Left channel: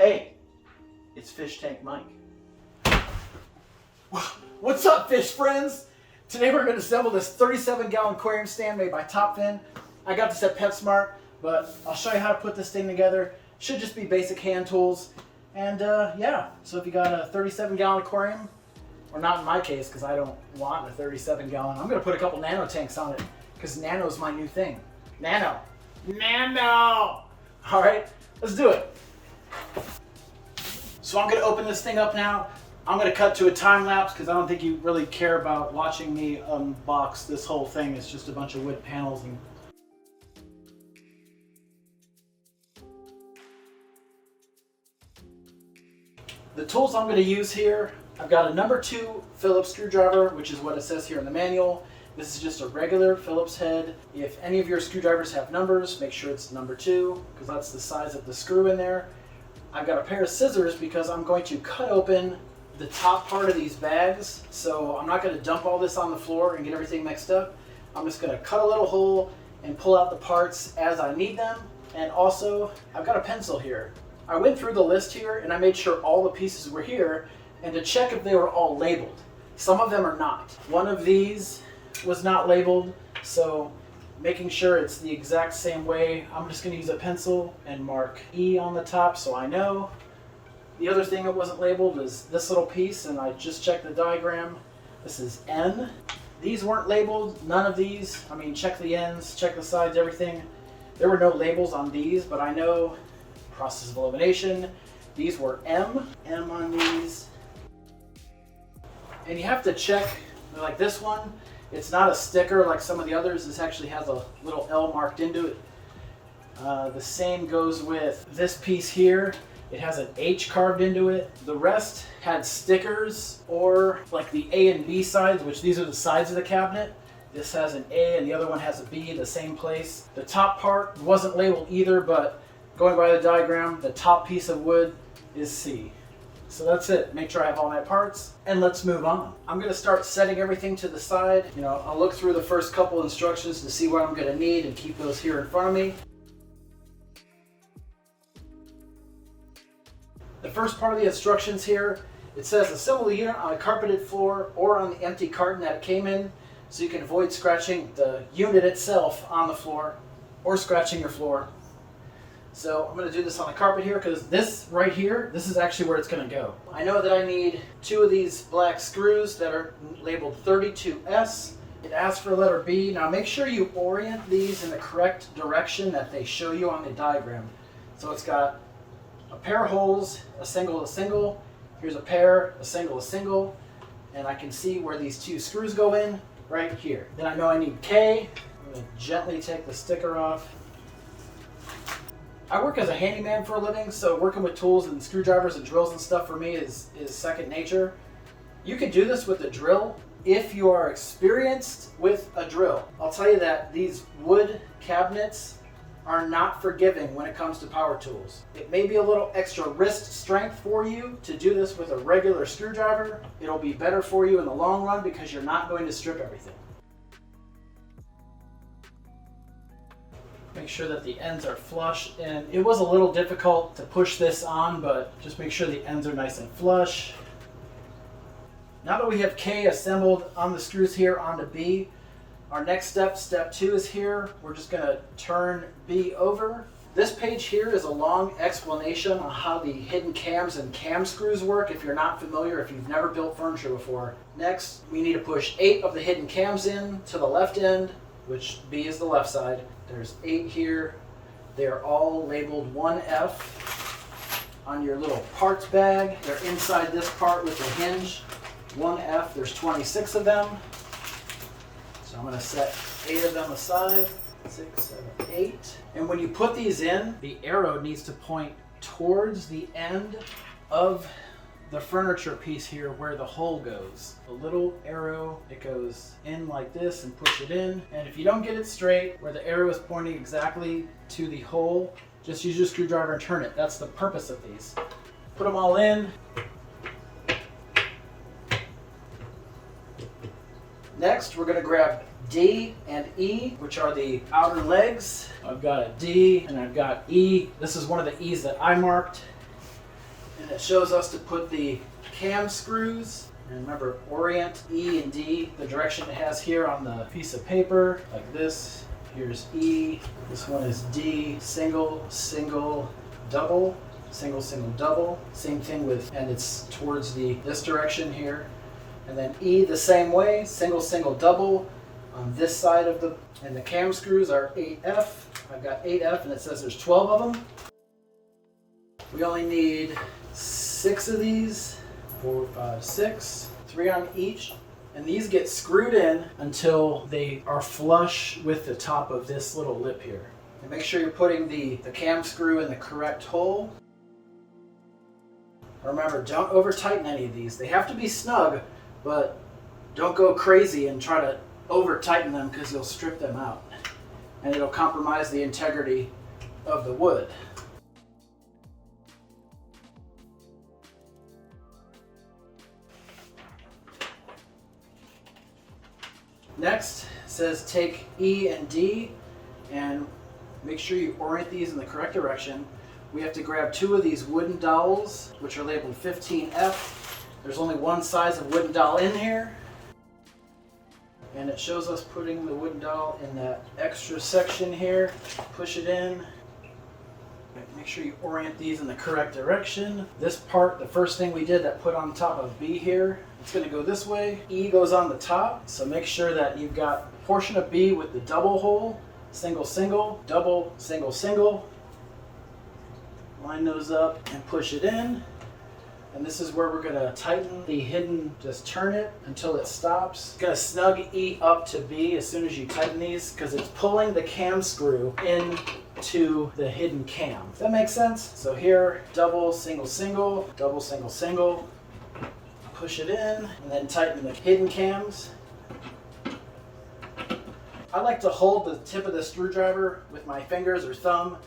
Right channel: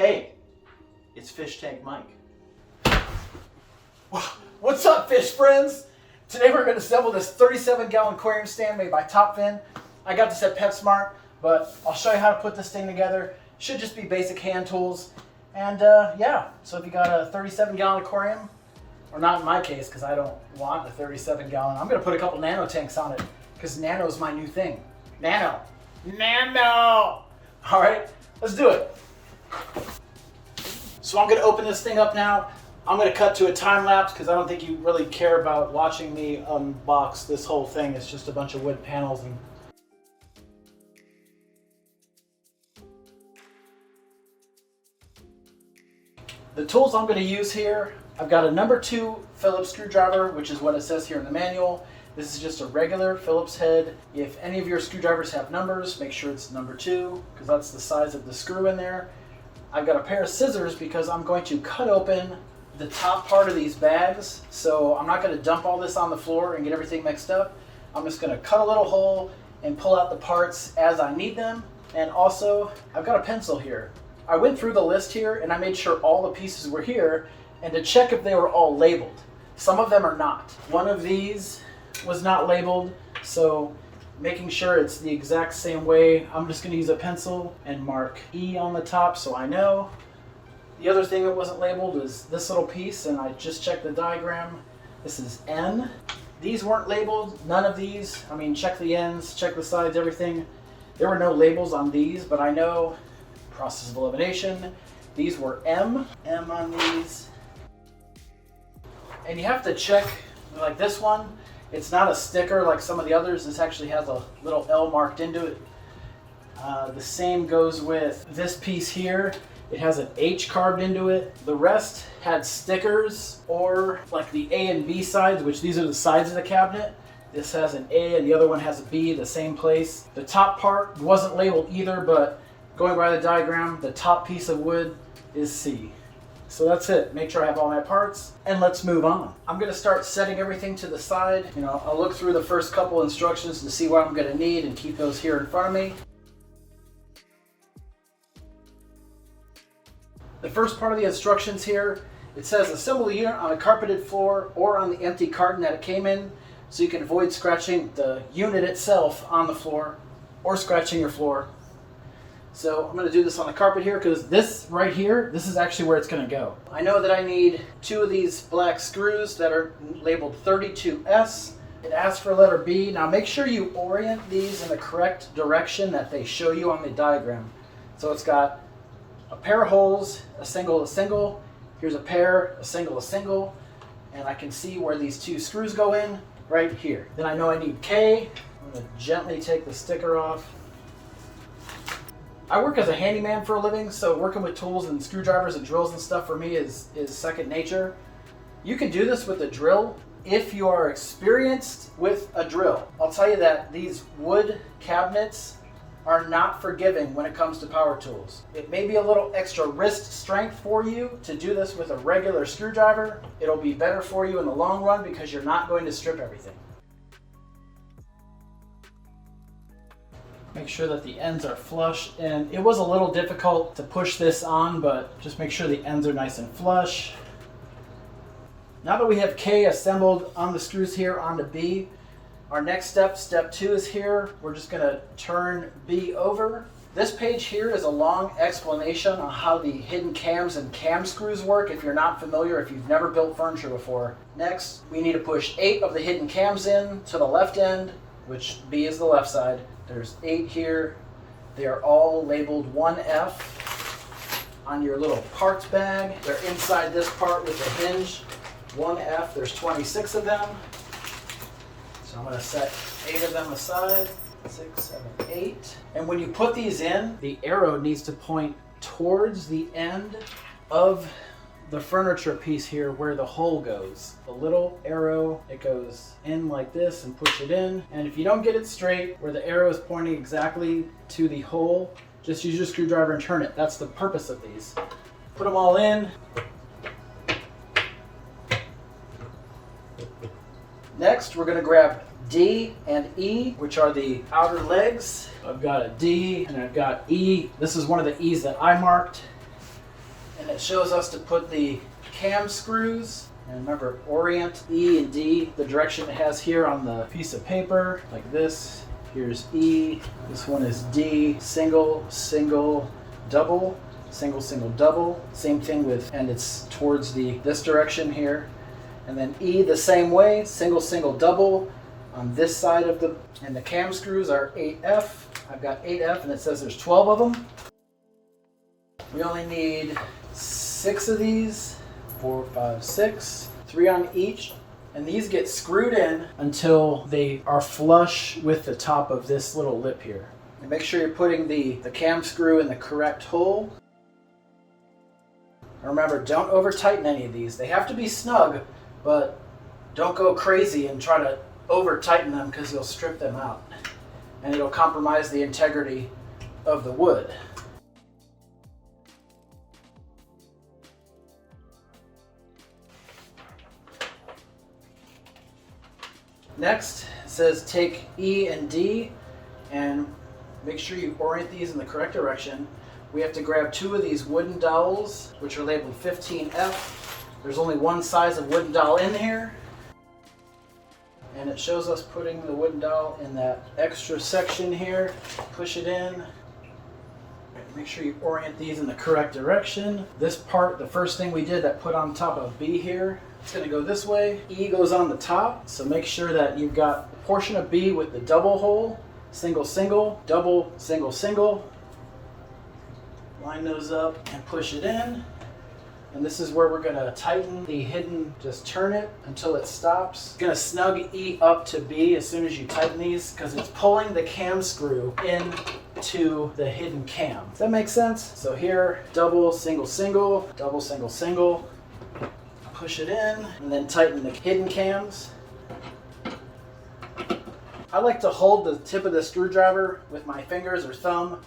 Hey, it's Fish Tank Mike. What's up, fish friends? Today we're going to assemble this 37-gallon aquarium stand made by Topfin. I got this at PetSmart, but I'll show you how to put this thing together. Should just be basic hand tools. And yeah, so if you got a 37-gallon aquarium, or not in my case because I don't want a 37-gallon, I'm going to put a couple Nano tanks on it because Nano is my new thing. Nano. Nano! All right, let's do it. So I'm going to open this thing up now. I'm going to cut to a time lapse because I don't think you really care about watching me unbox this whole thing. It's just a bunch of wood panels and the tools I'm going to use here. I've got a number 2 Phillips screwdriver, which is what it says here in the manual. This is just a regular Phillips head. If any of your screwdrivers have numbers, make sure it's number 2 because that's the size of the screw in there. I've got a pair of scissors because I'm going to cut open the top part of these bags. So I'm not going to dump all this on the floor and get everything mixed up. I'm just going to cut a little hole and pull out the parts as I need them. And also, I've got a pencil here. I went through the list here and I made sure all the pieces were here and to check if they were all labeled. Some of them are not. One of these was not labeled, so making sure it's the exact same way, I'm just going to use a pencil and mark E on the top so I know. The other thing that wasn't labeled is this little piece, and I just checked the diagram. This is N. These weren't labeled, none of these. I mean, check the ends, check the sides, everything. There were no labels on these, but I know, process of elimination, these were M on these. And you have to check, like this one, it's not a sticker like some of the others. This actually has a little L marked into it. The same goes with this piece here. It has an H carved into it. The rest had stickers or like the A and B sides, which these are the sides of the cabinet. This has an A and the other one has a B, the same place. The top part wasn't labeled either, but going by the diagram, the top piece of wood is C. So that's it. Make sure I have all my parts and let's move on. I'm going to start setting everything to the side. You know, I'll look through the first couple instructions to see what I'm going to need and keep those here in front of me. The first part of the instructions here, it says assemble the unit on a carpeted floor or on the empty carton that it came in so you can avoid scratching the unit itself on the floor or scratching your floor. So I'm going to do this on the carpet here because this right here, this is actually where it's going to go. I know that I need 2 of these black screws that are labeled 32S. It asks for letter B. Now make sure you orient these in the correct direction that they show you on the diagram. So it's got a pair of holes, a single, here's a pair, a single, and I can see where these 2 screws go in right here. Then I know I need K. I'm going to gently take the sticker off. I work as a handyman for a living, so working with tools and screwdrivers and drills and stuff for me is second nature. You can do this with a drill if you are experienced with a drill. I'll tell you that these wood cabinets are not forgiving when it comes to power tools. It may be a little extra wrist strength for you to do this with a regular screwdriver. It'll be better for you in the long run because you're not going to strip everything. Make sure that the ends are flush, and it was a little difficult to push this on, but just make sure the ends are nice and flush. Now that we have K assembled on the screws here onto B, our next step, step 2 is here. We're just going to turn B over. This page here is a long explanation on how the hidden cams and cam screws work if you're not familiar, if you've never built furniture before. Next, we need to push 8 of the hidden cams in to the left end, which B is the left side. There's 8 here. They are all labeled 1F on your little parts bag. They're inside this part with the hinge. 1F, there's 26 of them. So I'm going to set 8 of them aside. 6, 7, 8. And when you put these in, the arrow needs to point towards the end of the furniture piece here where the hole goes. The little arrow, it goes in like this and push it in. And if you don't get it straight where the arrow is pointing exactly to the hole, just use your screwdriver and turn it. That's the purpose of these. Put them all in. Next, we're going to grab D and E, which are the outer legs. I've got a D and I've got E. This is one of the E's that I marked. It shows us to put the cam screws, and remember, orient E and D the direction it has here on the piece of paper, like this. Here's E, this one is D, single, single, double, single, single, double. Same thing with, and it's towards this direction here. And then E the same way, single, single, double on this side of and the cam screws are 8F. I've got 8F and it says there's 12 of them. We only need 6 of these, 4, 5, 6, 3 on each. And these get screwed in until they are flush with the top of this little lip here. And make sure you're putting the cam screw in the correct hole. Remember, don't over tighten any of these. They have to be snug, but don't go crazy and try to over tighten them because you'll strip them out. And it'll compromise the integrity of the wood. Next, it says take E and D and make sure you orient these in the correct direction. We have to grab 2 of these wooden dowels, which are labeled 15F. There's only one size of wooden dowel in here. And it shows us putting the wooden dowel in that extra section here. Push it in. Make sure you orient these in the correct direction. This part, the first thing we did that put on top of B here, it's going to go this way. E goes on the top, so make sure that you've got a portion of B with the double hole, single, single, double, single, single. Line those up and push it in. And this is where we're going to tighten the hidden, just turn it until it stops. Going to snug E up to B as soon as you tighten these because it's pulling the cam screw into the hidden cam. Does that make sense? So here, double, single, single, double, single, single. Push it in and then tighten the hidden cams. I like to hold the tip of the screwdriver with my fingers or thumb,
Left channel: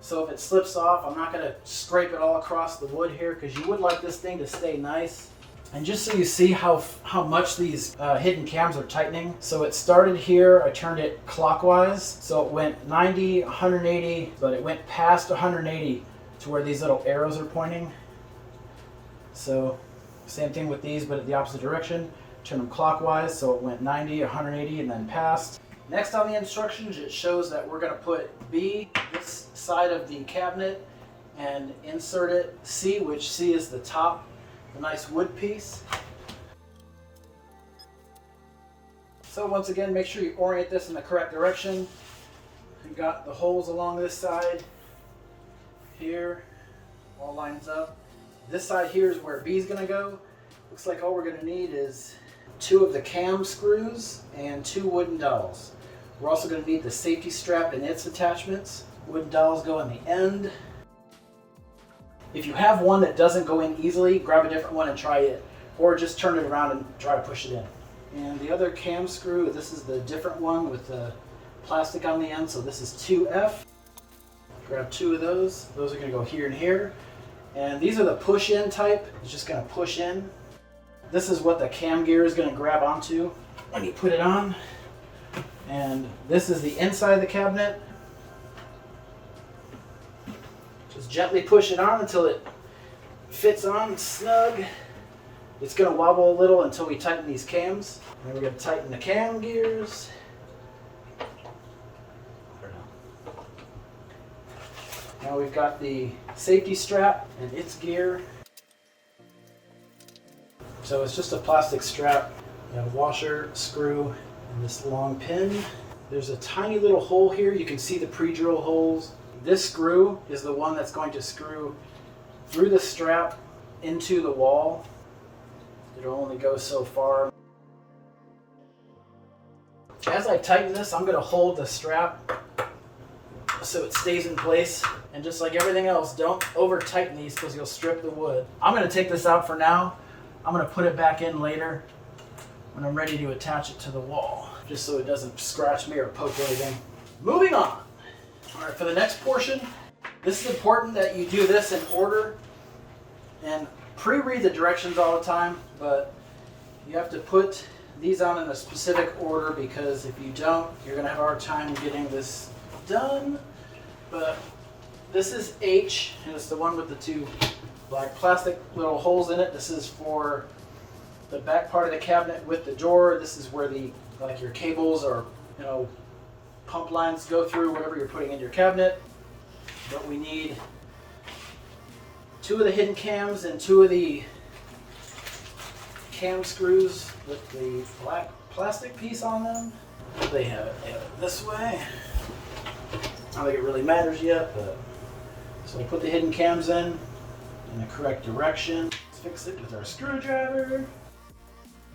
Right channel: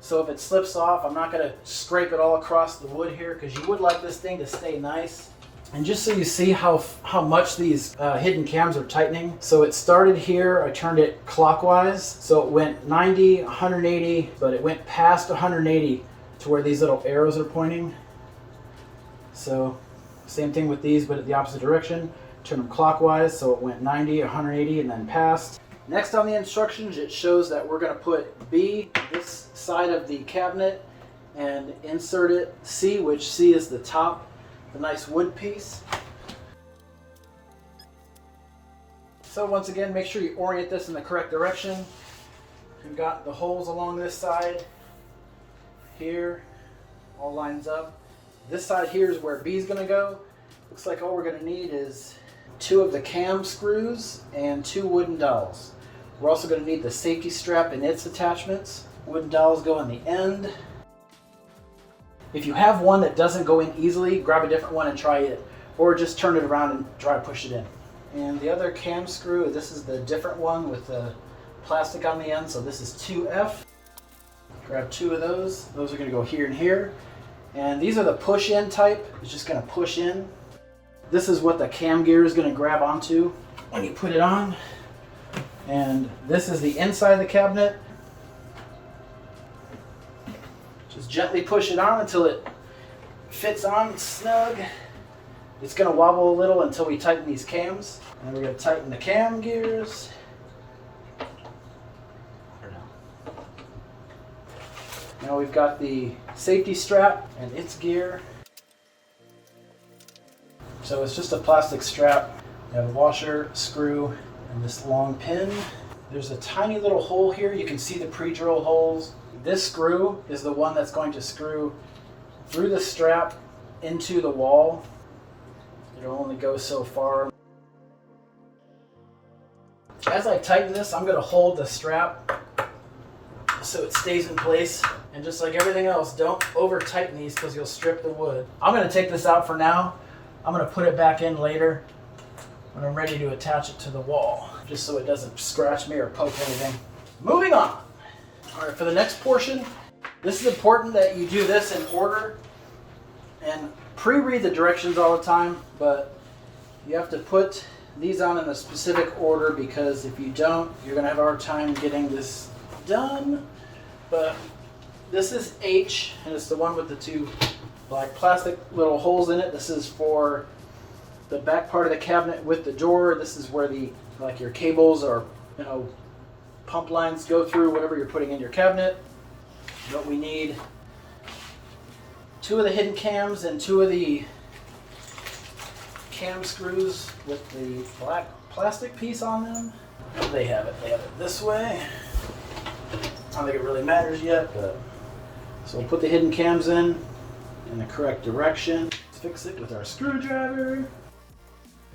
so if it slips off, I'm not going to scrape it all across the wood here because you would like this thing to stay nice. And just so you see how much these hidden cams are tightening. So it started here, I turned it clockwise, so it went 90, 180, but it went past 180 to where these little arrows are pointing. So same thing with these, but at the opposite direction. Turn them clockwise, so it went 90, 180, and then past. Next on the instructions, it shows that we're going to put B, this side of the cabinet, and insert it C, which C is the top, the nice wood piece. So once again, make sure you orient this in the correct direction. We've got the holes along this side, here, all lines up. This side here is where B is going to go. Looks like all we're going to need is 2 of the cam screws and 2 wooden dowels. We're also going to need the safety strap and its attachments. Wooden dowels go on the end. If you have one that doesn't go in easily, grab a different one and try it, or just turn it around and try to push it in. And the other cam screw, this is the different one with the plastic on the end, so this is 2F. Grab 2 of those. Those are going to go here and here. And these are the push-in type. It's just going to push in. This is what the cam gear is going to grab onto when you put it on. And this is the inside of the cabinet. Just gently push it on until it fits on snug. It's going to wobble a little until we tighten these cams. And then we're going to tighten the cam gears. Now we've got the safety strap and its gear. So it's just a plastic strap. You have a washer, screw, and this long pin. There's a tiny little hole here. You can see the pre-drill holes. This screw is the one that's going to screw through the strap into the wall. It'll only go so far. As I tighten this, I'm going to hold the strap so it stays in place. And just like everything else, don't over tighten these because you'll strip the wood. I'm going to take this out for now. I'm going to put it back in later when I'm ready to attach it to the wall, just so it doesn't scratch me or poke anything. Moving on. All right, for the next portion, this is important that you do this in order and pre-read the directions all the time, but you have to put these on in a specific order because if you don't, you're going to have a hard time getting this done. But this is H, and it's the one with the 2 black plastic little holes in it. This is for the back part of the cabinet with the drawer. This is where the like your cables or pump lines go through, whatever you're putting in your cabinet. But we need 2 of the hidden cams and 2 of the cam screws with the black plastic piece on them. They have it this way. I don't think it really matters yet, but so we'll put the hidden cams in the correct direction. Let's fix it with our screwdriver.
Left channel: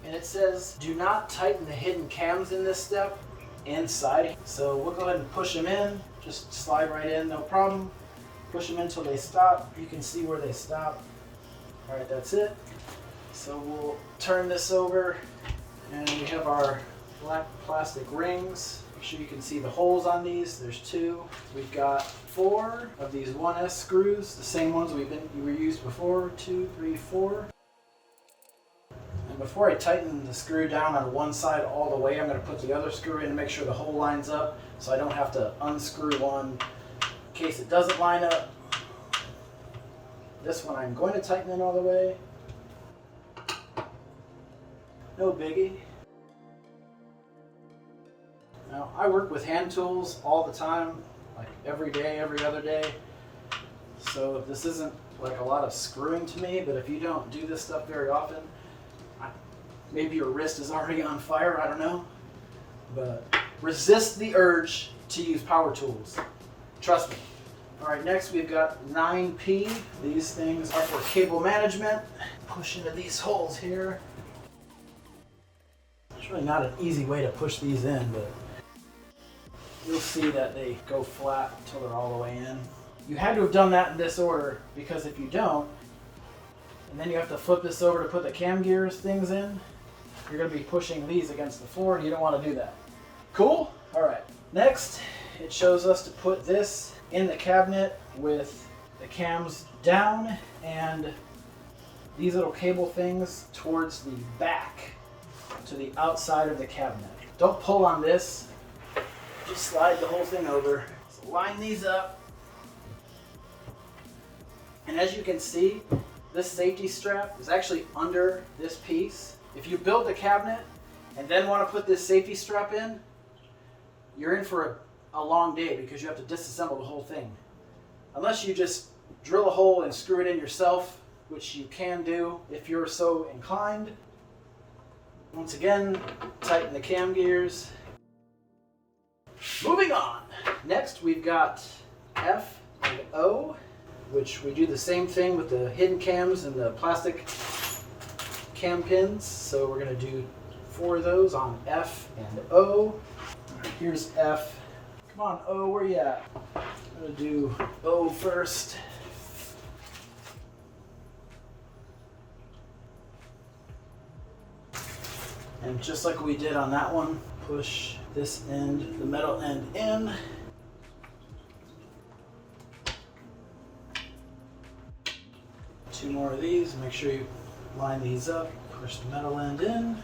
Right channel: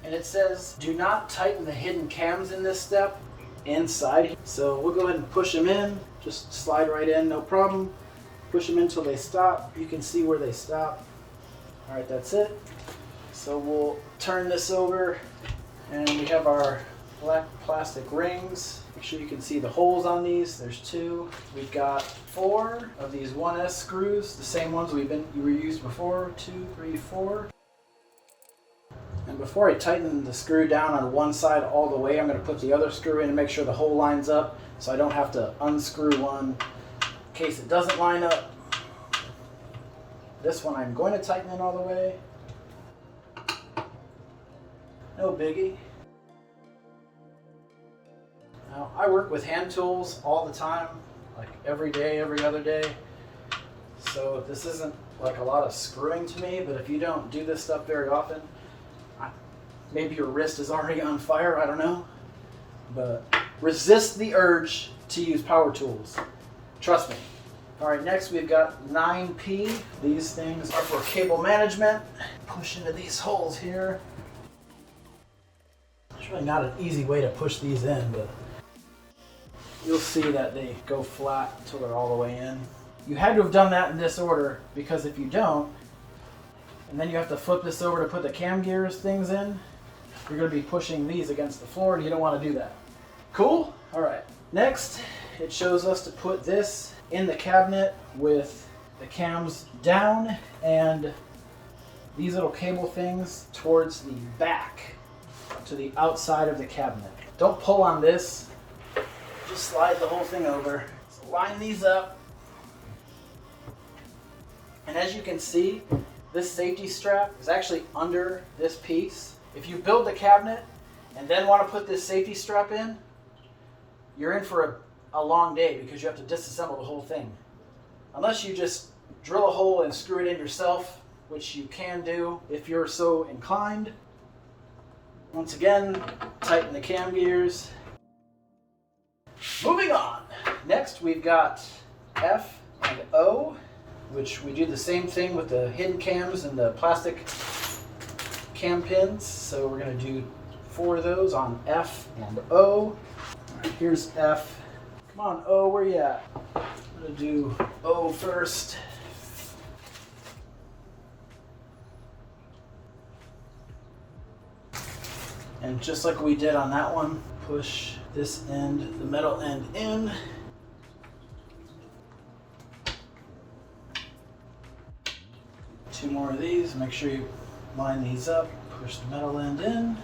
And it says, do not tighten the hidden cams in this step inside. So we'll go ahead and push them in. Just slide right in, no problem. Push them in until they stop. You can see where they stop. All right, that's it. So we'll turn this over and we have our black plastic rings. Make sure you can see the holes on these. There's 2. We've got 4 of these 1S screws, the same ones we used before. 2, 3, 4. And before I tighten the screw down on one side all the way, I'm going to put the other screw in and make sure the hole lines up so I don't have to unscrew one in case it doesn't line up. This one I'm going to tighten in all the way. No biggie. Now, I work with hand tools all the time, like every day, every other day. So this isn't like a lot of screwing to me, but if you don't do this stuff very often, maybe your wrist is already on fire, I don't know. But resist the urge to use power tools. Trust me. All right, next we've got 9P. These things are for cable management. Push into these holes here. There's really not an easy way to push these in, but you'll see that they go flat until they're all the way in. You had to have done that in this order, because if you don't, and then you have to flip this over to put the cam gears things in, you're going to be pushing these against the floor and you don't want to do that. Cool? All right. Next, it shows us to put this in the cabinet with the cams down and these little cable things towards the back, to the outside of the cabinet. Don't pull on this. Just slide the whole thing over. So line these up. And as you can see, this safety strap is actually under this piece. If you build the cabinet and then want to put this safety strap in, you're in for a long day because you have to disassemble the whole thing. Unless you just drill a hole and screw it in yourself, which you can do if you're so inclined. Once again, tighten the cam gears. Moving on. Next we've got F and O, which we do the same thing with the hidden cams and the plastic cam pins. So we're going to do 4 of those on F and O. All right, here's F. Come on, O, where you at? I'm going to do O first. And just like we did on that one, push this end, the metal end in. Two more of these, make sure you line these up, push the metal end in.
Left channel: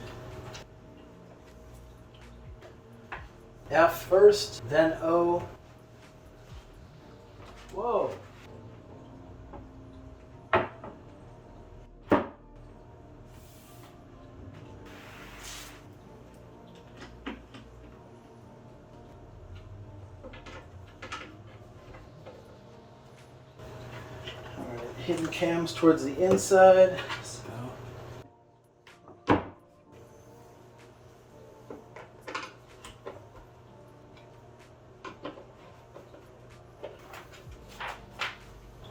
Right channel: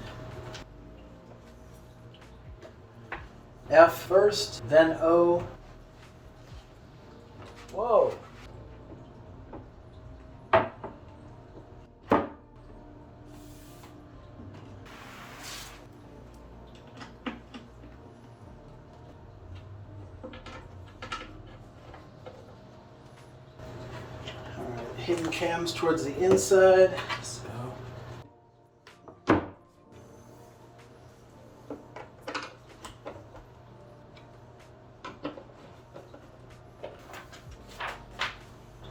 F first, then O. Whoa. Hidden cams towards the inside. So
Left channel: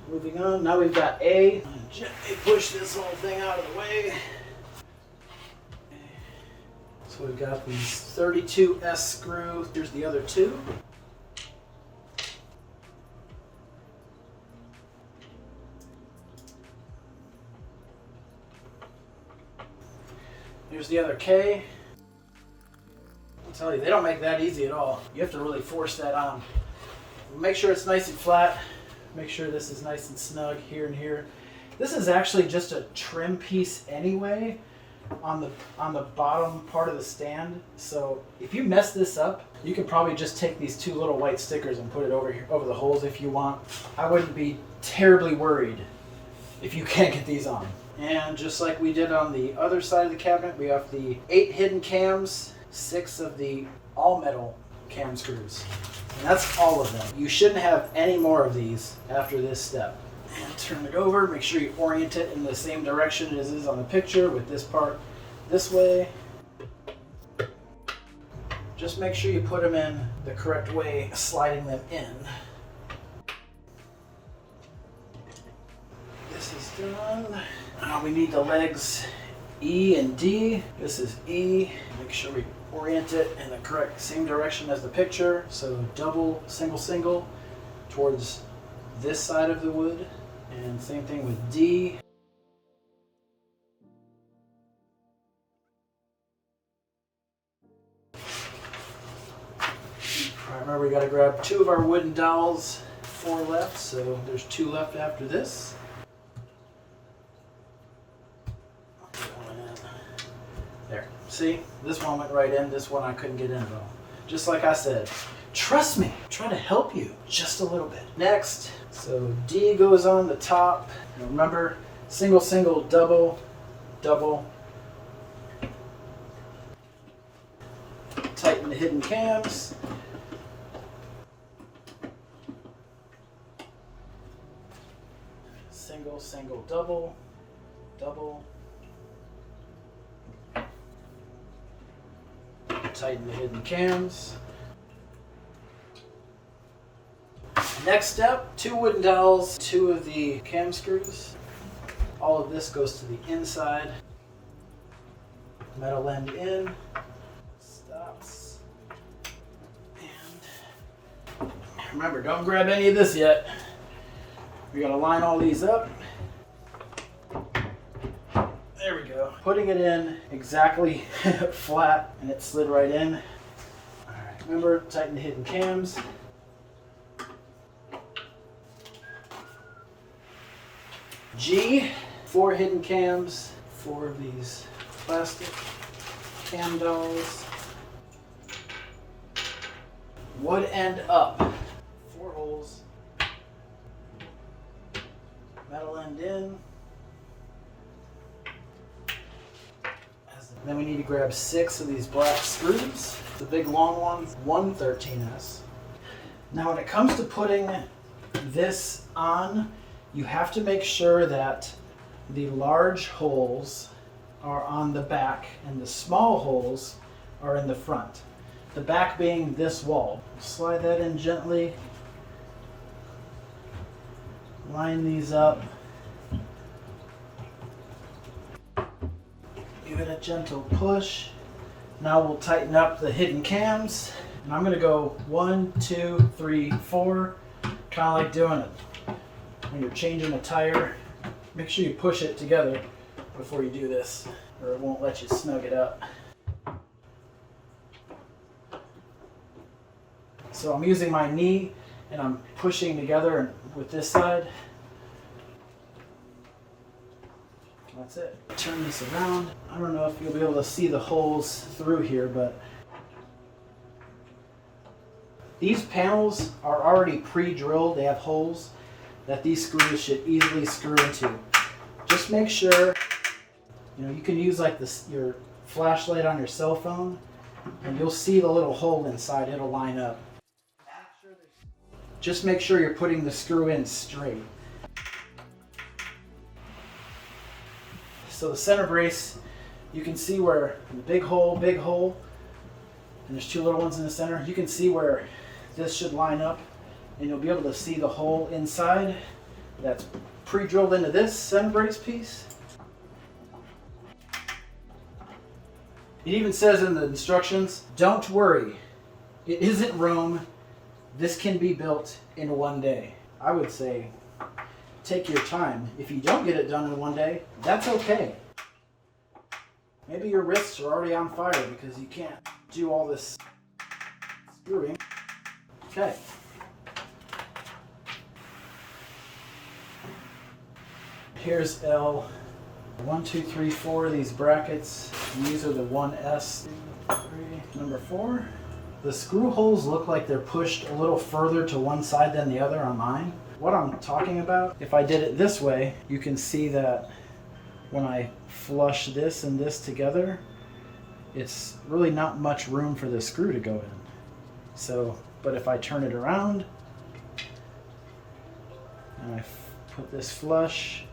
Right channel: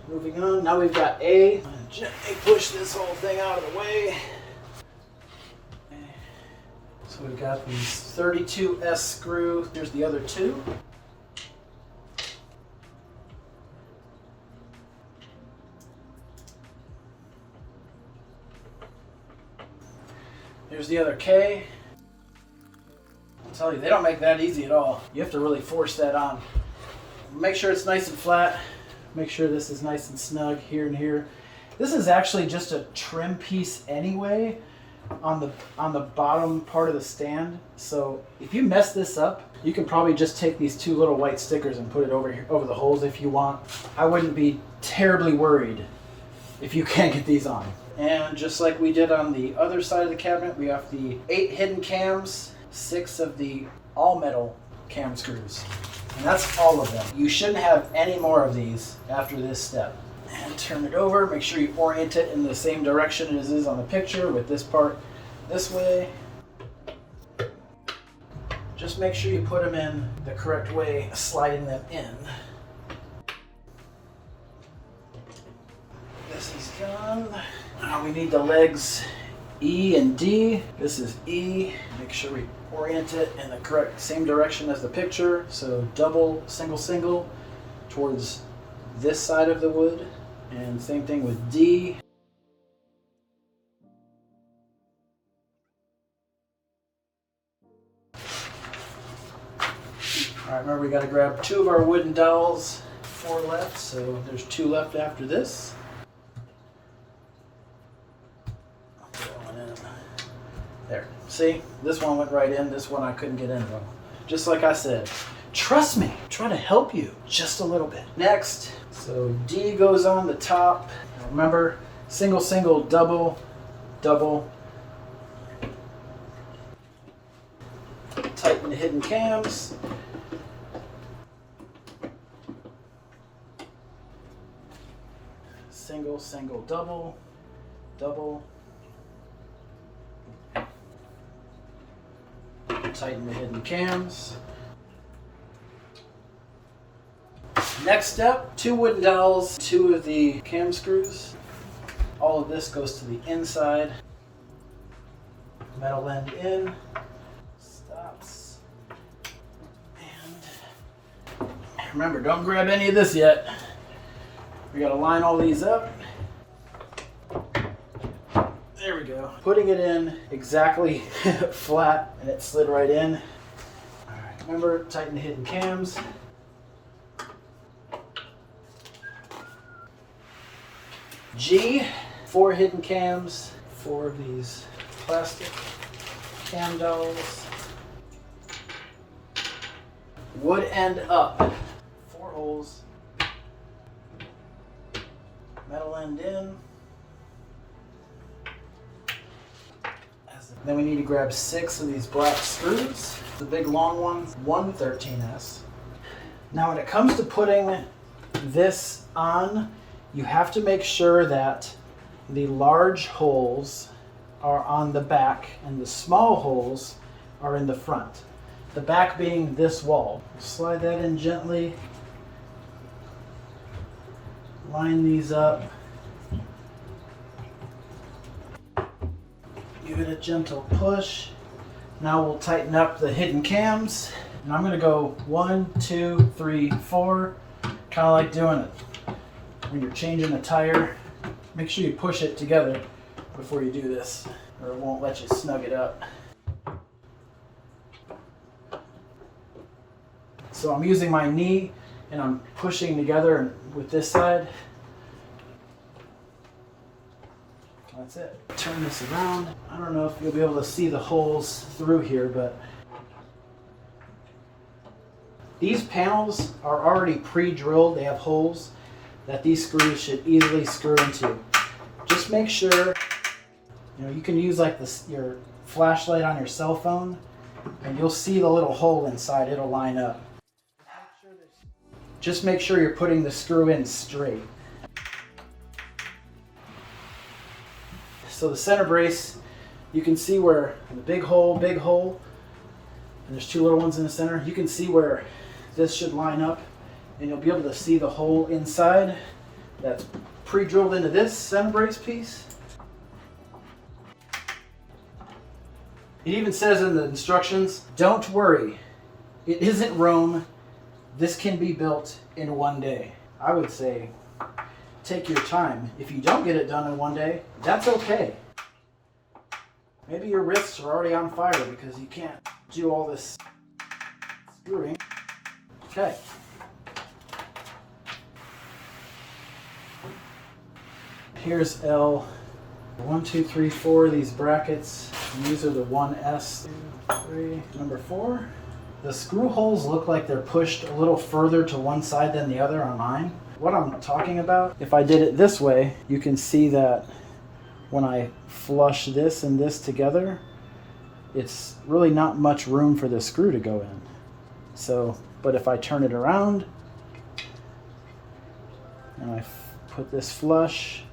moving on, now we've got A. I'm gonna gently push this whole thing out of the way. So we've got these 32S screws. Here's the other 2. Here's the other K. I'll tell you, they don't make that easy at all. You have to really force that on. Make sure it's nice and flat. Make sure this is nice and snug here and here. This is actually just a trim piece anyway on the bottom part of the stand. So if you mess this up, you can probably just take these 2 little white stickers and put it over here, over the holes if you want. I wouldn't be terribly worried if you can't get these on. And just like we did on the other side of the cabinet, we have the 8 hidden cams, 6 of the all metal cam screws. And that's all of them. You shouldn't have any more of these after this step. And turn it over, make sure you orient it in the same direction as it is on the picture, with this part this way. Just make sure you put them in the correct way, sliding them in. This is done. Now we need the legs E and D. This is E. Make sure we orient it in the correct same direction as the picture. So double, single, single towards this side of the wood. And same thing with D. All right, remember we got to grab 2 of our wooden dowels, 4 left, so there's 2 left after this. Going in. There, see, this one went right in, this one I couldn't get in at all. Just like I said, trust me, I'm trying to help you just a little bit. Next, so D goes on the top. And remember, single, single, double, double. Tighten the hidden cams. Single, single, double, double. Tighten the hidden cams. Next step, 2 wooden dowels, 2 of the cam screws. All of this goes to the inside. Metal end in. Stops. And remember, don't grab any of this yet. We gotta line all these up. There we go. Putting it in exactly flat, and it slid right in. All right, remember, tighten the hidden cams. G, 4 hidden cams, 4 of these plastic cam dowels. Wood end up, 4 holes. Metal end in. Then we need to grab 6 of these black screws, the big long ones, 113S. Now when it comes to putting this on, you have to make sure that the large holes are on the back and the small holes are in the front. The back being this wall. Slide that in gently. Line these up. Give it a gentle push. Now we'll tighten up the hidden cams. And I'm going to go 1, 2, 3, 4. Kind of like doing it when you're changing a tire. Make sure you push it together before you do this, or it won't let you snug it up. So I'm using my knee and I'm pushing together with this side. That's it. Turn this around. I don't know if you'll be able to see the holes through here, but these panels are already pre-drilled. They have holes that these screws should easily screw into. Just make sure, you can use like this, your flashlight on your cell phone, and you'll see the little hole inside. It'll line up. Just make sure you're putting the screw in straight. So the center brace, you can see where the big hole, and there's 2 little ones in the center. You can see where this should line up, and you'll be able to see the hole inside that's pre-drilled into this center brace piece. It even says in the instructions, don't worry, it isn't Rome. This can be built in 1 day. I would say take your time. If you don't get it done in 1 day, that's okay. Maybe your wrists are already on fire because you can't do all this screwing. Okay. Here's L. 1, 2, 3, 4 of these brackets. And these are the 1S, 2, 3, number 4. The screw holes look like they're pushed a little further to one side than the other on mine. what I'm talking about. If I did it this way, you can see that when I flush this and this together, it's really not much room for the screw to go in. So, but if I turn it around and I put this flush,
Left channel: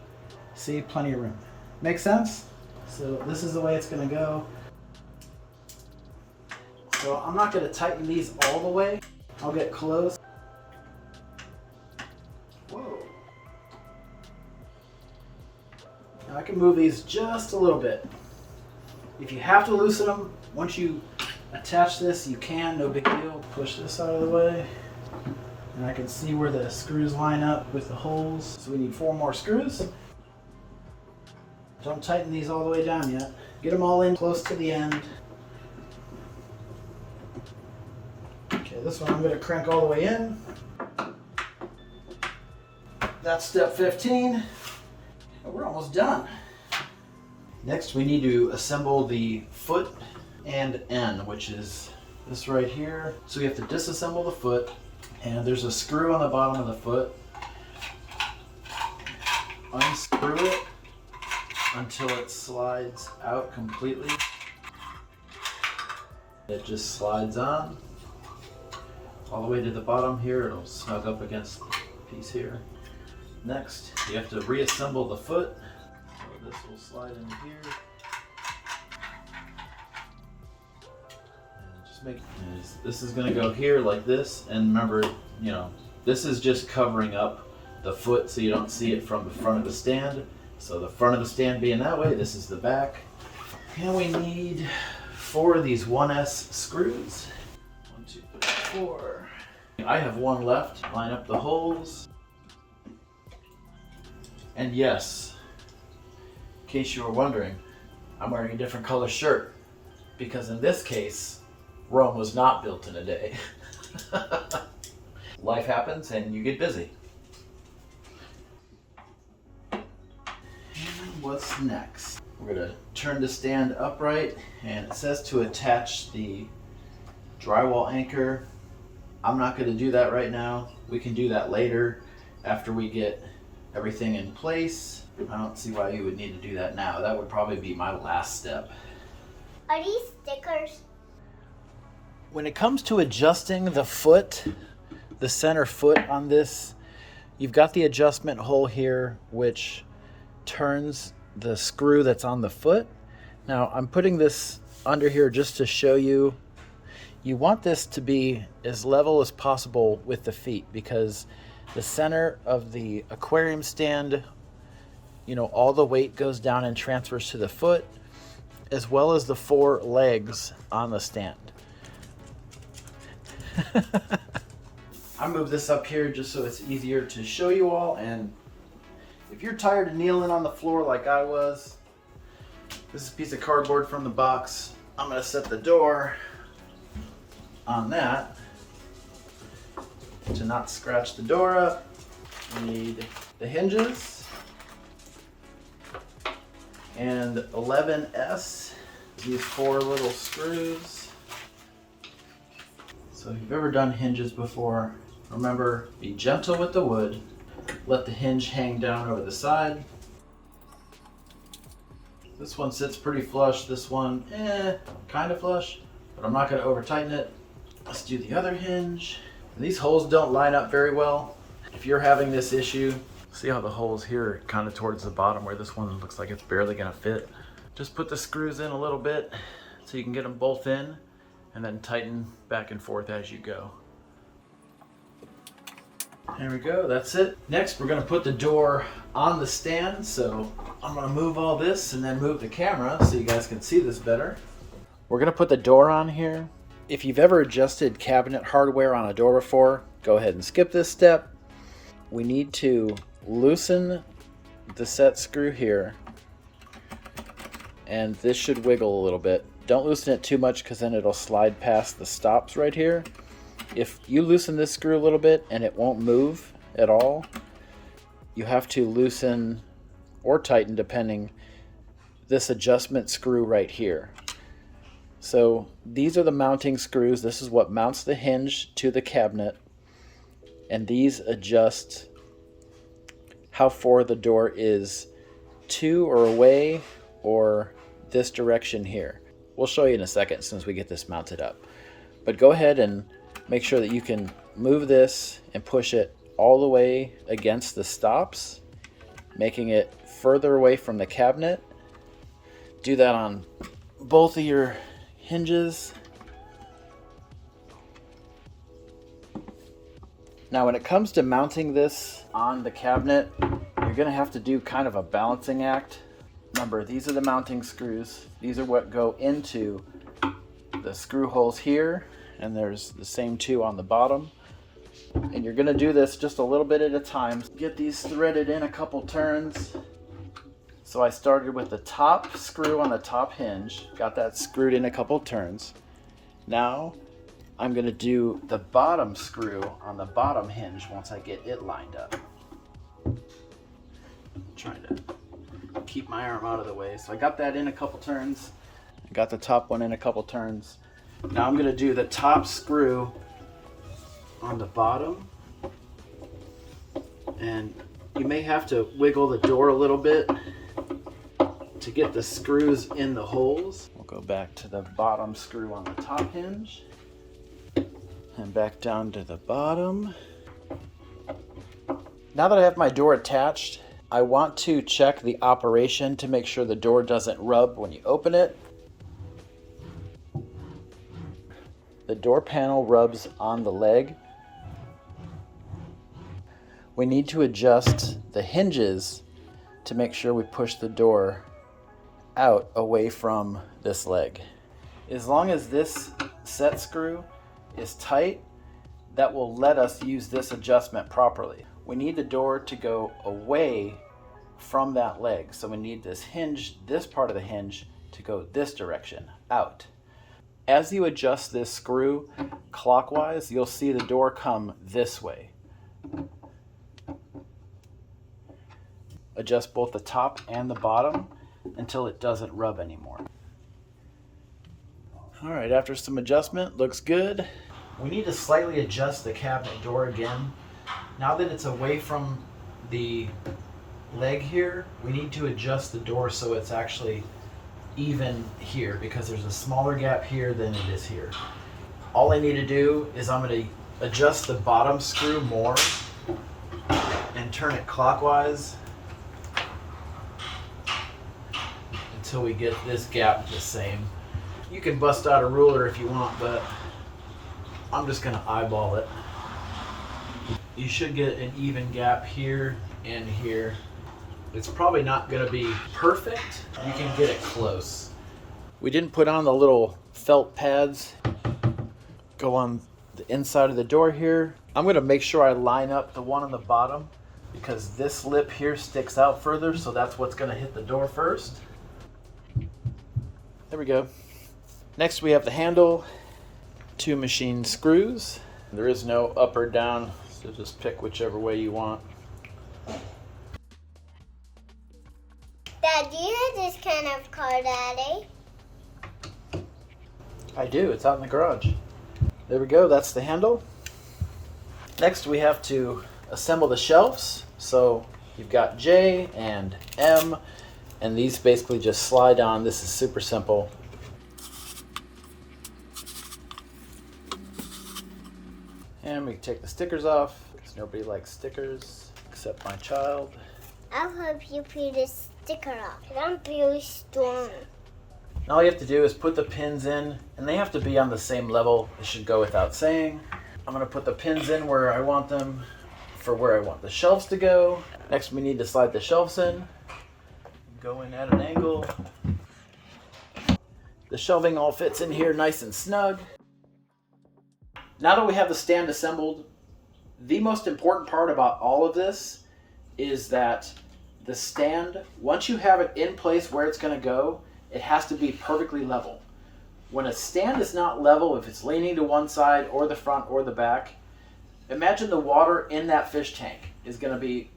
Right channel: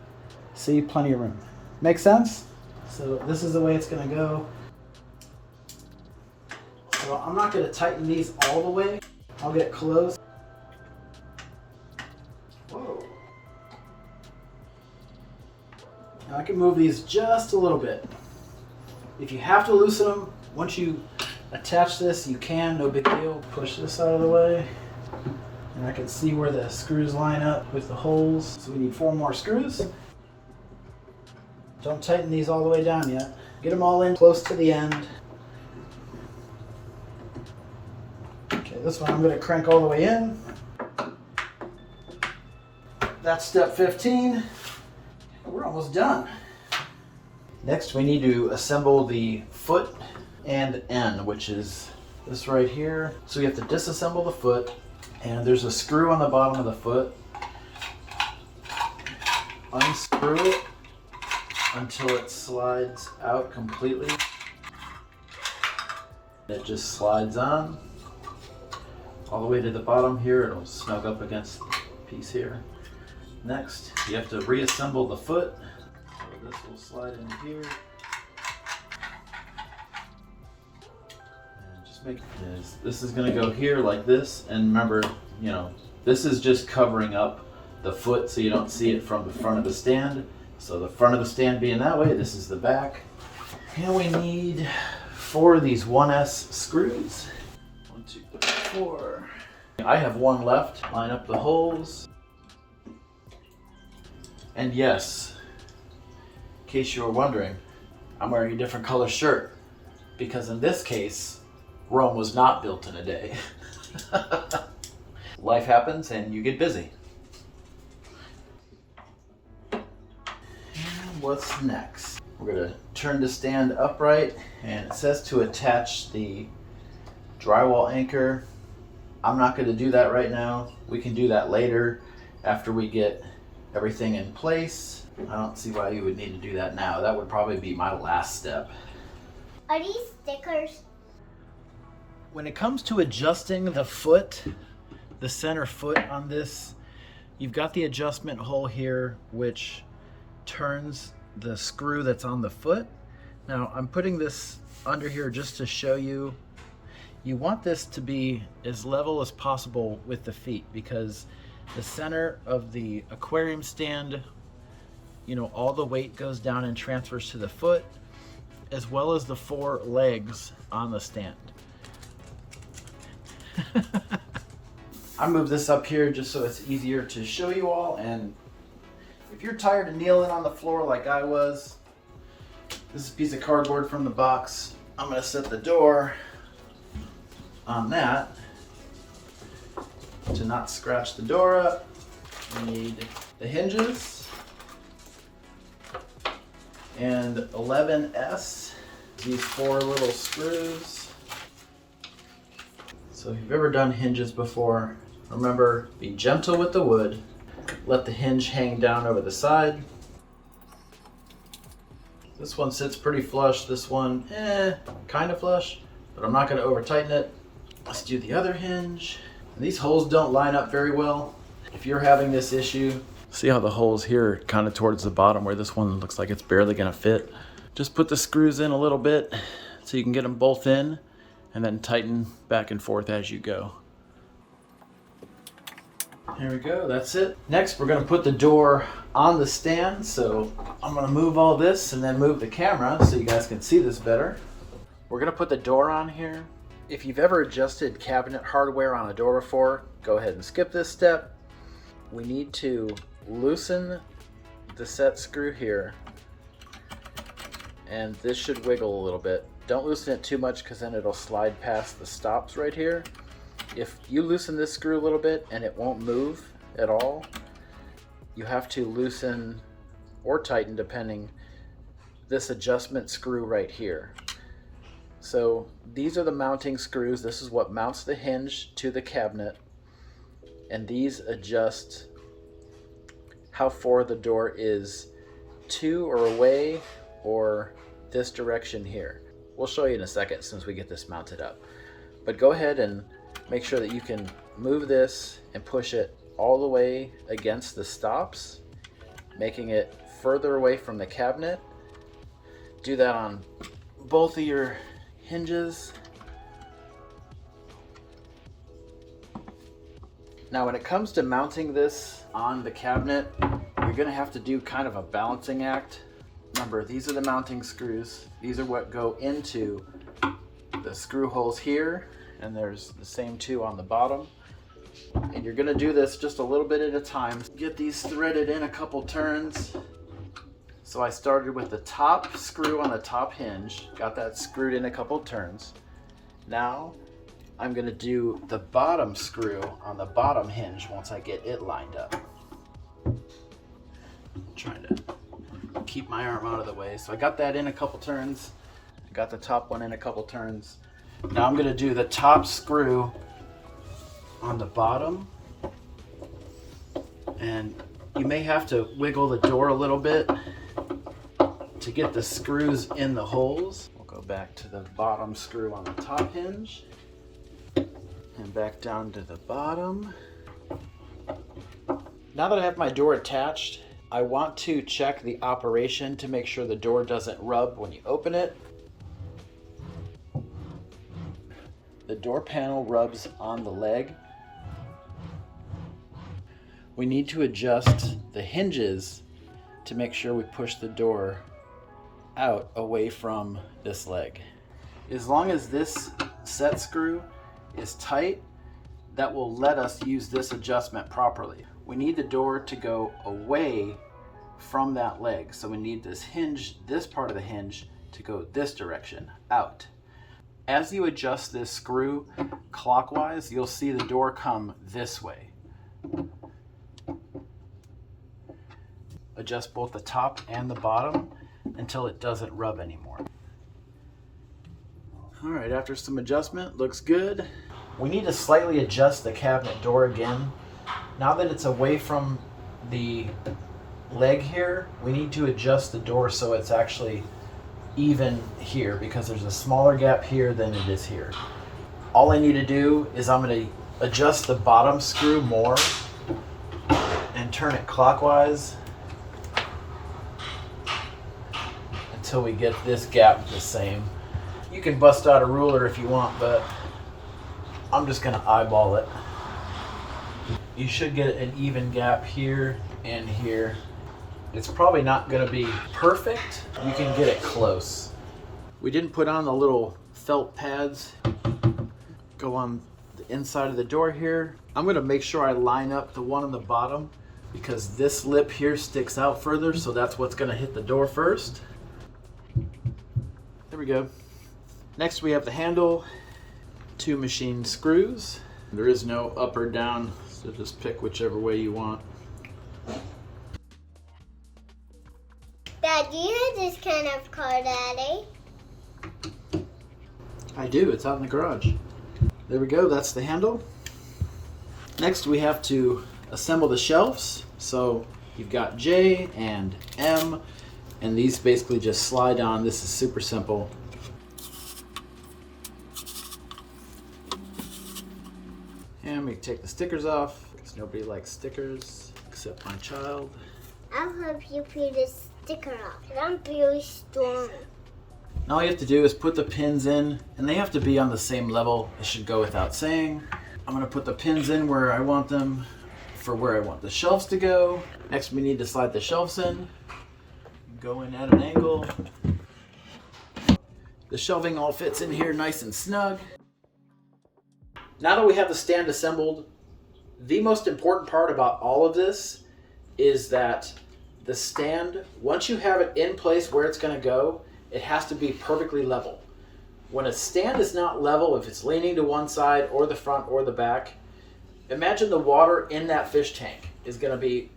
see, plenty of room. Make sense? So this is the way it's gonna go. So I'm not gonna tighten these all the way. I'll get close. Whoa. Now I can move these just a little bit. If you have to loosen them, once you attach this, you can, no big deal. Push this out of the way. And I can see where the screws line up with the holes. So we need 4 more screws. Don't tighten these all the way down yet. Get them all in close to the end. Okay, this one I'm going to crank all the way in. That's step 15. We're almost done. Next we need to assemble the foot and end, which is this right here. So we have to disassemble the foot, and there's a screw on the bottom of the foot. Unscrew it until it slides out completely. It just slides on all the way to the bottom here. It'll snug up against the piece here. Next, you have to reassemble the foot. So this will slide in here. And just make this is going to go here like this. And remember, you know, this is just covering up the foot so you don't see it from the front of the stand. So the front of the stand being that way, this is the back. And we need 4 of these 1S screws. 1, 2, 3, 4. I have 1 left. Line up the holes. And yes, in case you were wondering, I'm wearing a different color shirt because in this case, Rome was not built in a day. Life happens and you get busy. And what's next? We're gonna turn the stand upright, and it says to attach the drywall anchor. I'm not gonna do that right now. We can do that later after we get everything in place. I don't see why you would need to do that now. That would probably be my last step. Are these stickers? When it comes to adjusting the foot, the center foot on this, you've got the adjustment hole here, which turns the screw that's on the foot. Now I'm putting this under here just to show you. You want this to be as level as possible with the feet, because the center of the aquarium stand, you know, all the weight goes down and transfers to the foot, as well as the 4 legs on the stand. I moved this up here just so it's easier to show you all, and if you're tired of kneeling on the floor like I was, this is a piece of cardboard from the box. I'm gonna set the door on that to not scratch the door up. We need the hinges and 11S, these 4 little screws. So if you've ever done hinges before, remember, be gentle with the wood. Let the hinge hang down over the side. This one sits pretty flush. This one, kind of flush, but I'm not going to over tighten it. Let's do the other hinge. And these holes don't line up very well. If you're having this issue, see how the holes here are kind of towards the bottom where this one looks like it's barely going to fit. Just put the screws in a little bit so you can get them both in, and then tighten back and forth as you go. Here we go, that's it. Next, we're gonna put the door on the stand. So I'm gonna move all this and then move the camera so you guys can see this better. We're gonna put the door on here. If you've ever adjusted cabinet hardware on a door before, go ahead and skip this step. We need to loosen the set screw here, and this should wiggle a little bit. Don't loosen it too much because then it'll slide past the stops right here. If you loosen this screw a little bit and it won't move at all, you have to loosen or tighten, depending, this adjustment screw right here. So these are the mounting screws. This is what mounts the hinge to the cabinet, and these adjust how far the door is to or away or this direction here. We'll show you in a second since we get this mounted up. But go ahead and make sure that you can move this and push it all the way against the stops, making it further away from the cabinet. Do that on both of your hinges. Now when it comes to mounting this on the cabinet, you're going to have to do kind of a balancing act. Remember, these are the mounting screws. These are what go into the screw holes here, and there's the same two on the bottom. And you're going to do this just a little bit at a time. Get these threaded in a couple turns. So I started with the top screw on the top hinge, got that screwed in a couple turns. Now I'm going to do the bottom screw on the bottom hinge once I get it lined up. I'm trying to keep my arm out of the way. So I got that in a couple turns. I got the top one in a couple turns. Now I'm going to do the top screw on the bottom. And you may have to wiggle the door a little bit to get the screws in the holes. We'll go back to the bottom screw on the top hinge and back down to the bottom. Now that I have my door attached, I want to check the operation to make sure the door doesn't rub when you open it. The door panel rubs on the leg. We need to adjust the hinges to make sure we push the door out away from this leg. As long as this set screw is tight, that will let us use this adjustment properly. We need the door to go away from that leg. So we need this hinge, this part of the hinge, to go this direction, out. As you adjust this screw clockwise, you'll see the door come this way. Adjust both the top and the bottom until it doesn't rub anymore. All right, after some adjustment, looks good. We need to slightly adjust the cabinet door again. Now that it's away from the leg here, we need to adjust the door so it's actually even here, because there's a smaller gap here than it is here. All I need to do is I'm going to adjust the bottom screw more and turn it clockwise until we get this gap the same. You can bust out a ruler if you want, but I'm just going to eyeball it. You should get an even gap here and here. It's probably not going to be perfect. You can get it close. We didn't put on the little felt pads. Go on the inside of the door here. I'm going to make sure I line up the one on the bottom because this lip here sticks out further, so that's what's going to hit the door first. There we go. Next we have the handle, 2 machine screws. There is no up or down, so just pick whichever way you want. Dad, do you have this kind of car, Daddy? I do, it's out in the garage. There we go, that's the handle. Next we have to assemble the shelves. So you've got J and M, and these basically just slide on. This is super simple. And we can take the stickers off, because nobody likes stickers except my child. I'll help you peel the sticker off. I'm really strong. And all you have to do is put the pins in, and they have to be on the same level. It should go without saying. I'm going to put the pins in where I want them for where I want the shelves to go. Next we need to slide the shelves in. Go in at an angle. The shelving all fits in here nice and snug. Now that we have the stand assembled, the most important part about all of this is that the stand, once you have it in place where it's going to go, it has to be perfectly level. When a stand is not level, if it's leaning to one side or the front or the back, imagine the water in that fish tank is going to be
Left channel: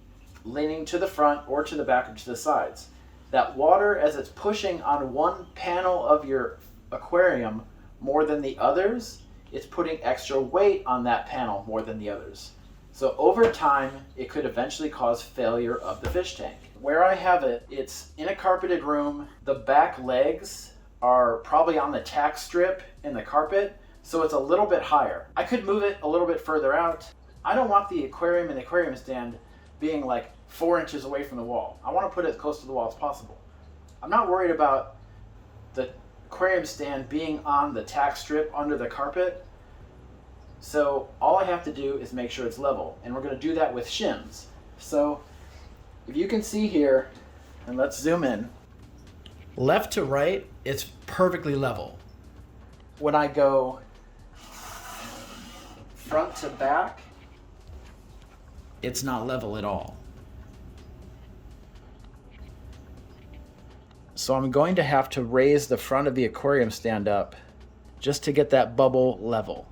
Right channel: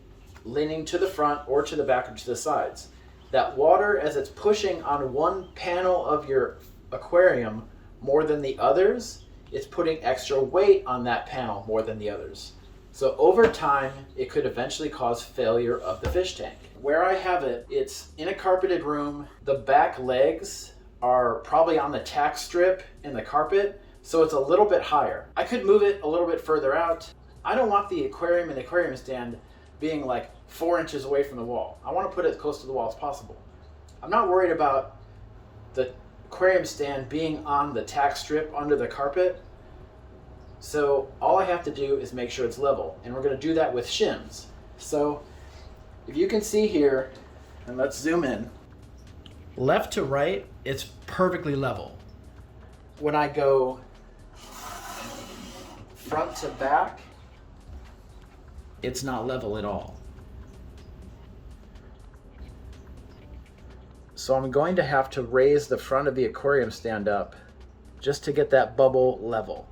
leaning to the front or to the back or to the sides. That water, as it's pushing on one panel of your aquarium more than the others, it's putting extra weight on that panel more than the others. So over time, it could eventually cause failure of the fish tank. Where I have it, it's in a carpeted room. The back legs are probably on the tack strip in the carpet, so it's a little bit higher. I could move it a little bit further out. I don't want the aquarium and the aquarium stand being like 4 inches away from the wall. I want to put it as close to the wall as possible. I'm not worried about the aquarium stand being on the tack strip under the carpet. So all I have to do is make sure it's level, and we're going to do that with shims. So if you can see here, and let's zoom in, left to right, it's perfectly level. When I go front to back, it's not level at all. So I'm going to have to raise the front of the aquarium stand up just to get that bubble level.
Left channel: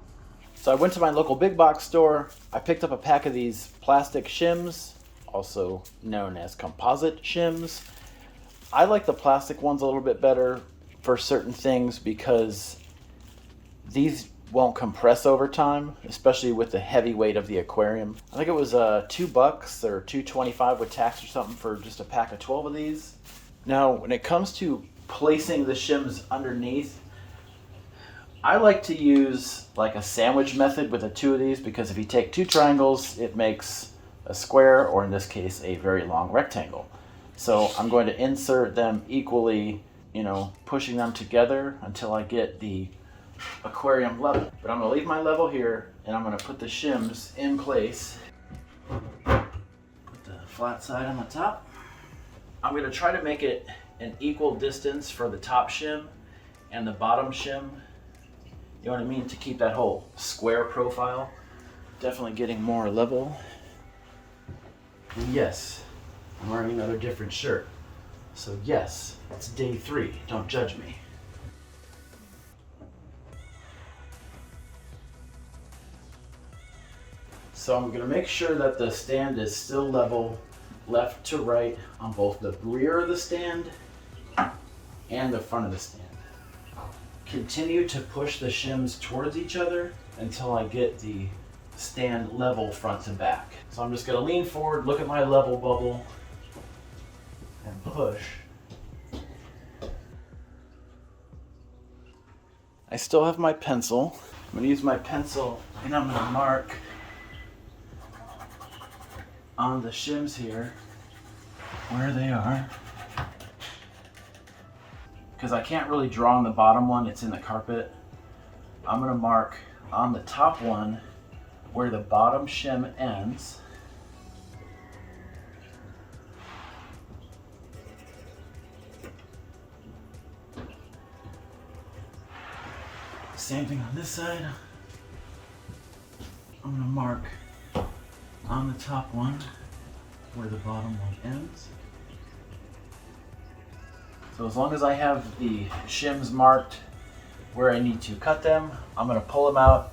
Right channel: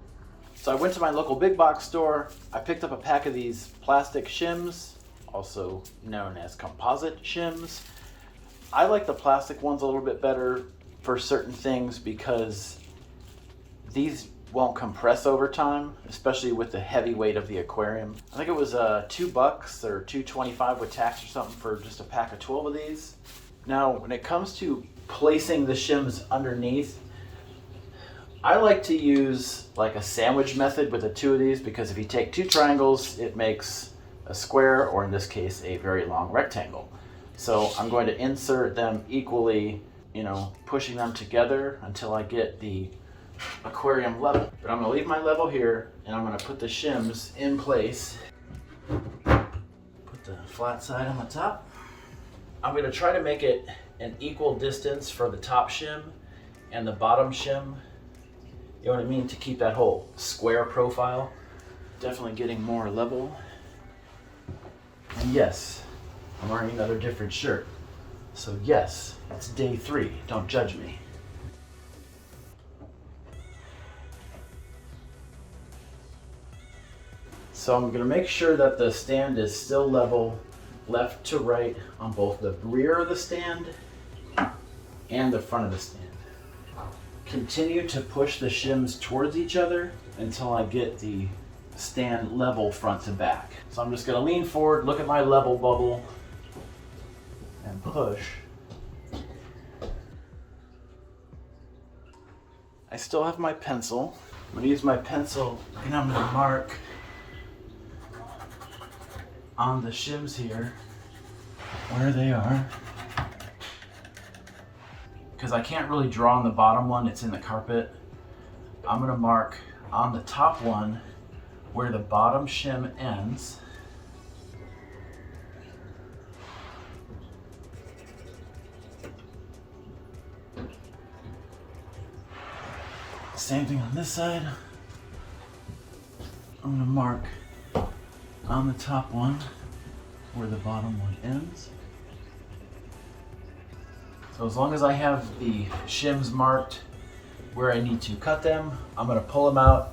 So I went to my local big box store. I picked up a pack of these plastic shims, also known as composite shims. I like the plastic ones a little bit better for certain things because these won't compress over time, especially with the heavy weight of the aquarium. I think it was $2 or $2.25 with tax or something for just a pack of 12 of these. Now, when it comes to placing the shims underneath, I like to use like a sandwich method with the 2 of these, because if you take 2 triangles, it makes a square, or in this case, a very long rectangle. So I'm going to insert them equally, pushing them together until I get the aquarium level. But I'm going to leave my level here, and I'm going to put the shims in place. Put the flat side on the top. I'm going to try to make it an equal distance for the top shim and the bottom shim. You know what I mean? To keep that whole square profile. Definitely getting more level. And yes, I'm wearing another different shirt. So yes, it's day 3. Don't judge me. So I'm going to make sure that the stand is still level left to right on both the rear of the stand and the front of the stand. Continue to push the shims towards each other until I get the stand level front to back. So I'm just going to lean forward, look at my level bubble, and push. I still have my pencil. I'm going to use my pencil and I'm going to mark on the shims here where they are, because I can't really draw on the bottom one, it's in the carpet. I'm going to mark on the top one where the bottom shim ends. Same thing on this side. I'm going to mark on the top one where the bottom one ends. So as long as I have the shims marked where I need to cut them, I'm going to pull them out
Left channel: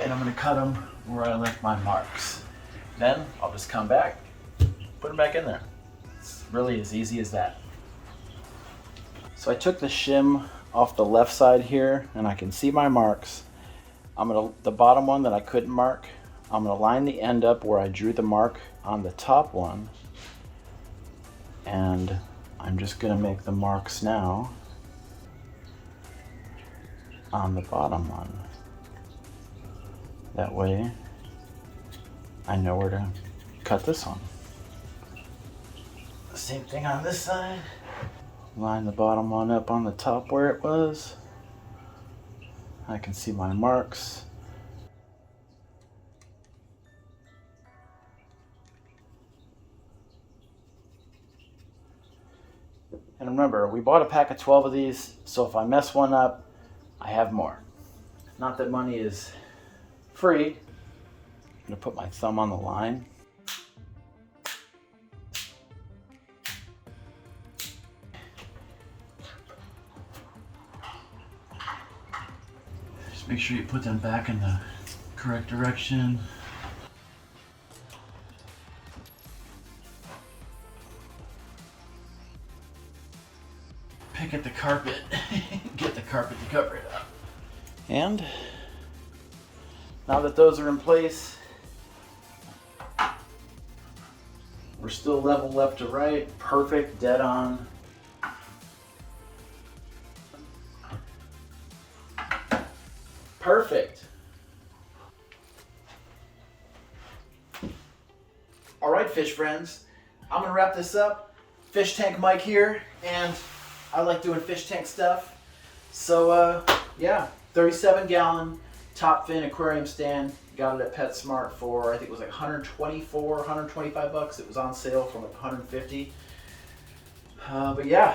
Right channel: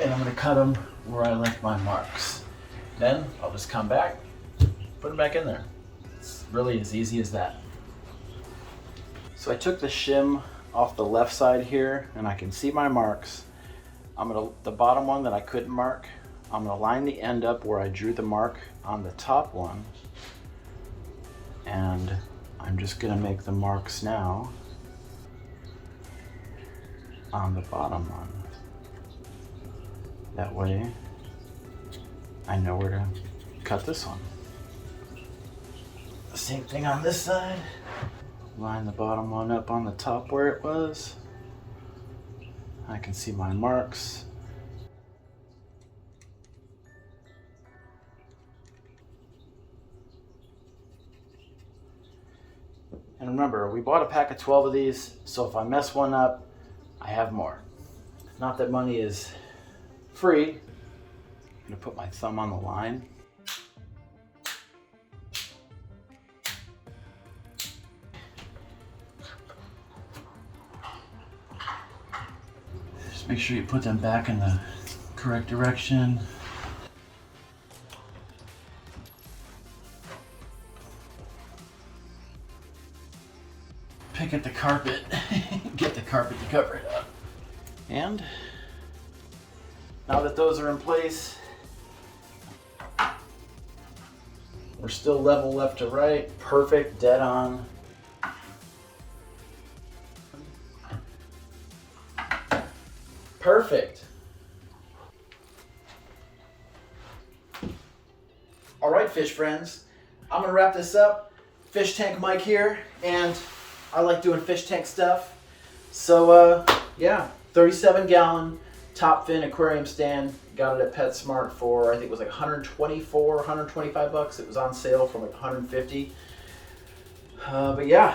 and I'm going to cut them where I left my marks. Then I'll just come back, put them back in there. It's really as easy as that. So I took the shim off the left side here and I can see my marks. The bottom one that I couldn't mark, I'm going to line the end up where I drew the mark on the top one, and I'm just going to make the marks now on the bottom one. That way I know where to cut this one. The same thing on this side. Line the bottom one up on the top where it was. I can see my marks. And remember, we bought a pack of 12 of these, so if I mess one up, I have more. Not that money is free. I'm gonna put my thumb on the line. Just make sure you put them back in the correct direction. Pick at the carpet, get the carpet to cover it up. And now that those are in place, We're still level left to right. Perfect, dead on. Perfect. All right, fish friends. I'm gonna wrap this up. Fish Tank Mike here, and I like doing fish tank stuff. So yeah, 37-gallon top fin aquarium stand. Got it at PetSmart for, I think it was like 124, 125 bucks. It was on sale for like 150. But yeah,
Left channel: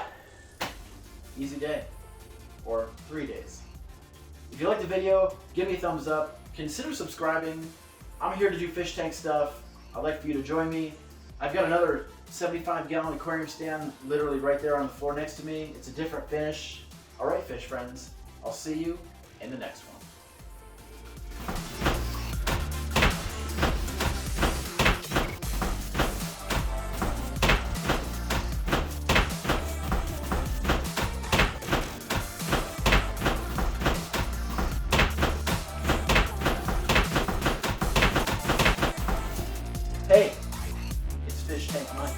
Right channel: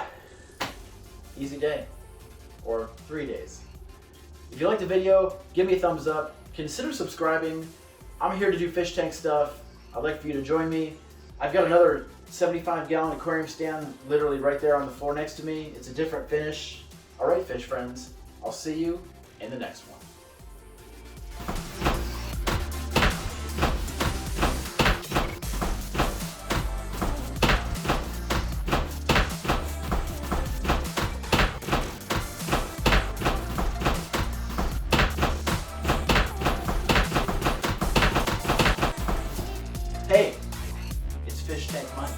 easy day, or 3 days. If you like the video, give me a thumbs up. Consider subscribing. I'm here to do fish tank stuff. I'd like for you to join me. I've got another 75-gallon aquarium stand literally right there on the floor next to me. It's a different finish. All right, fish friends, I'll see you in the next one. Hey, it's Fish Tank Mike.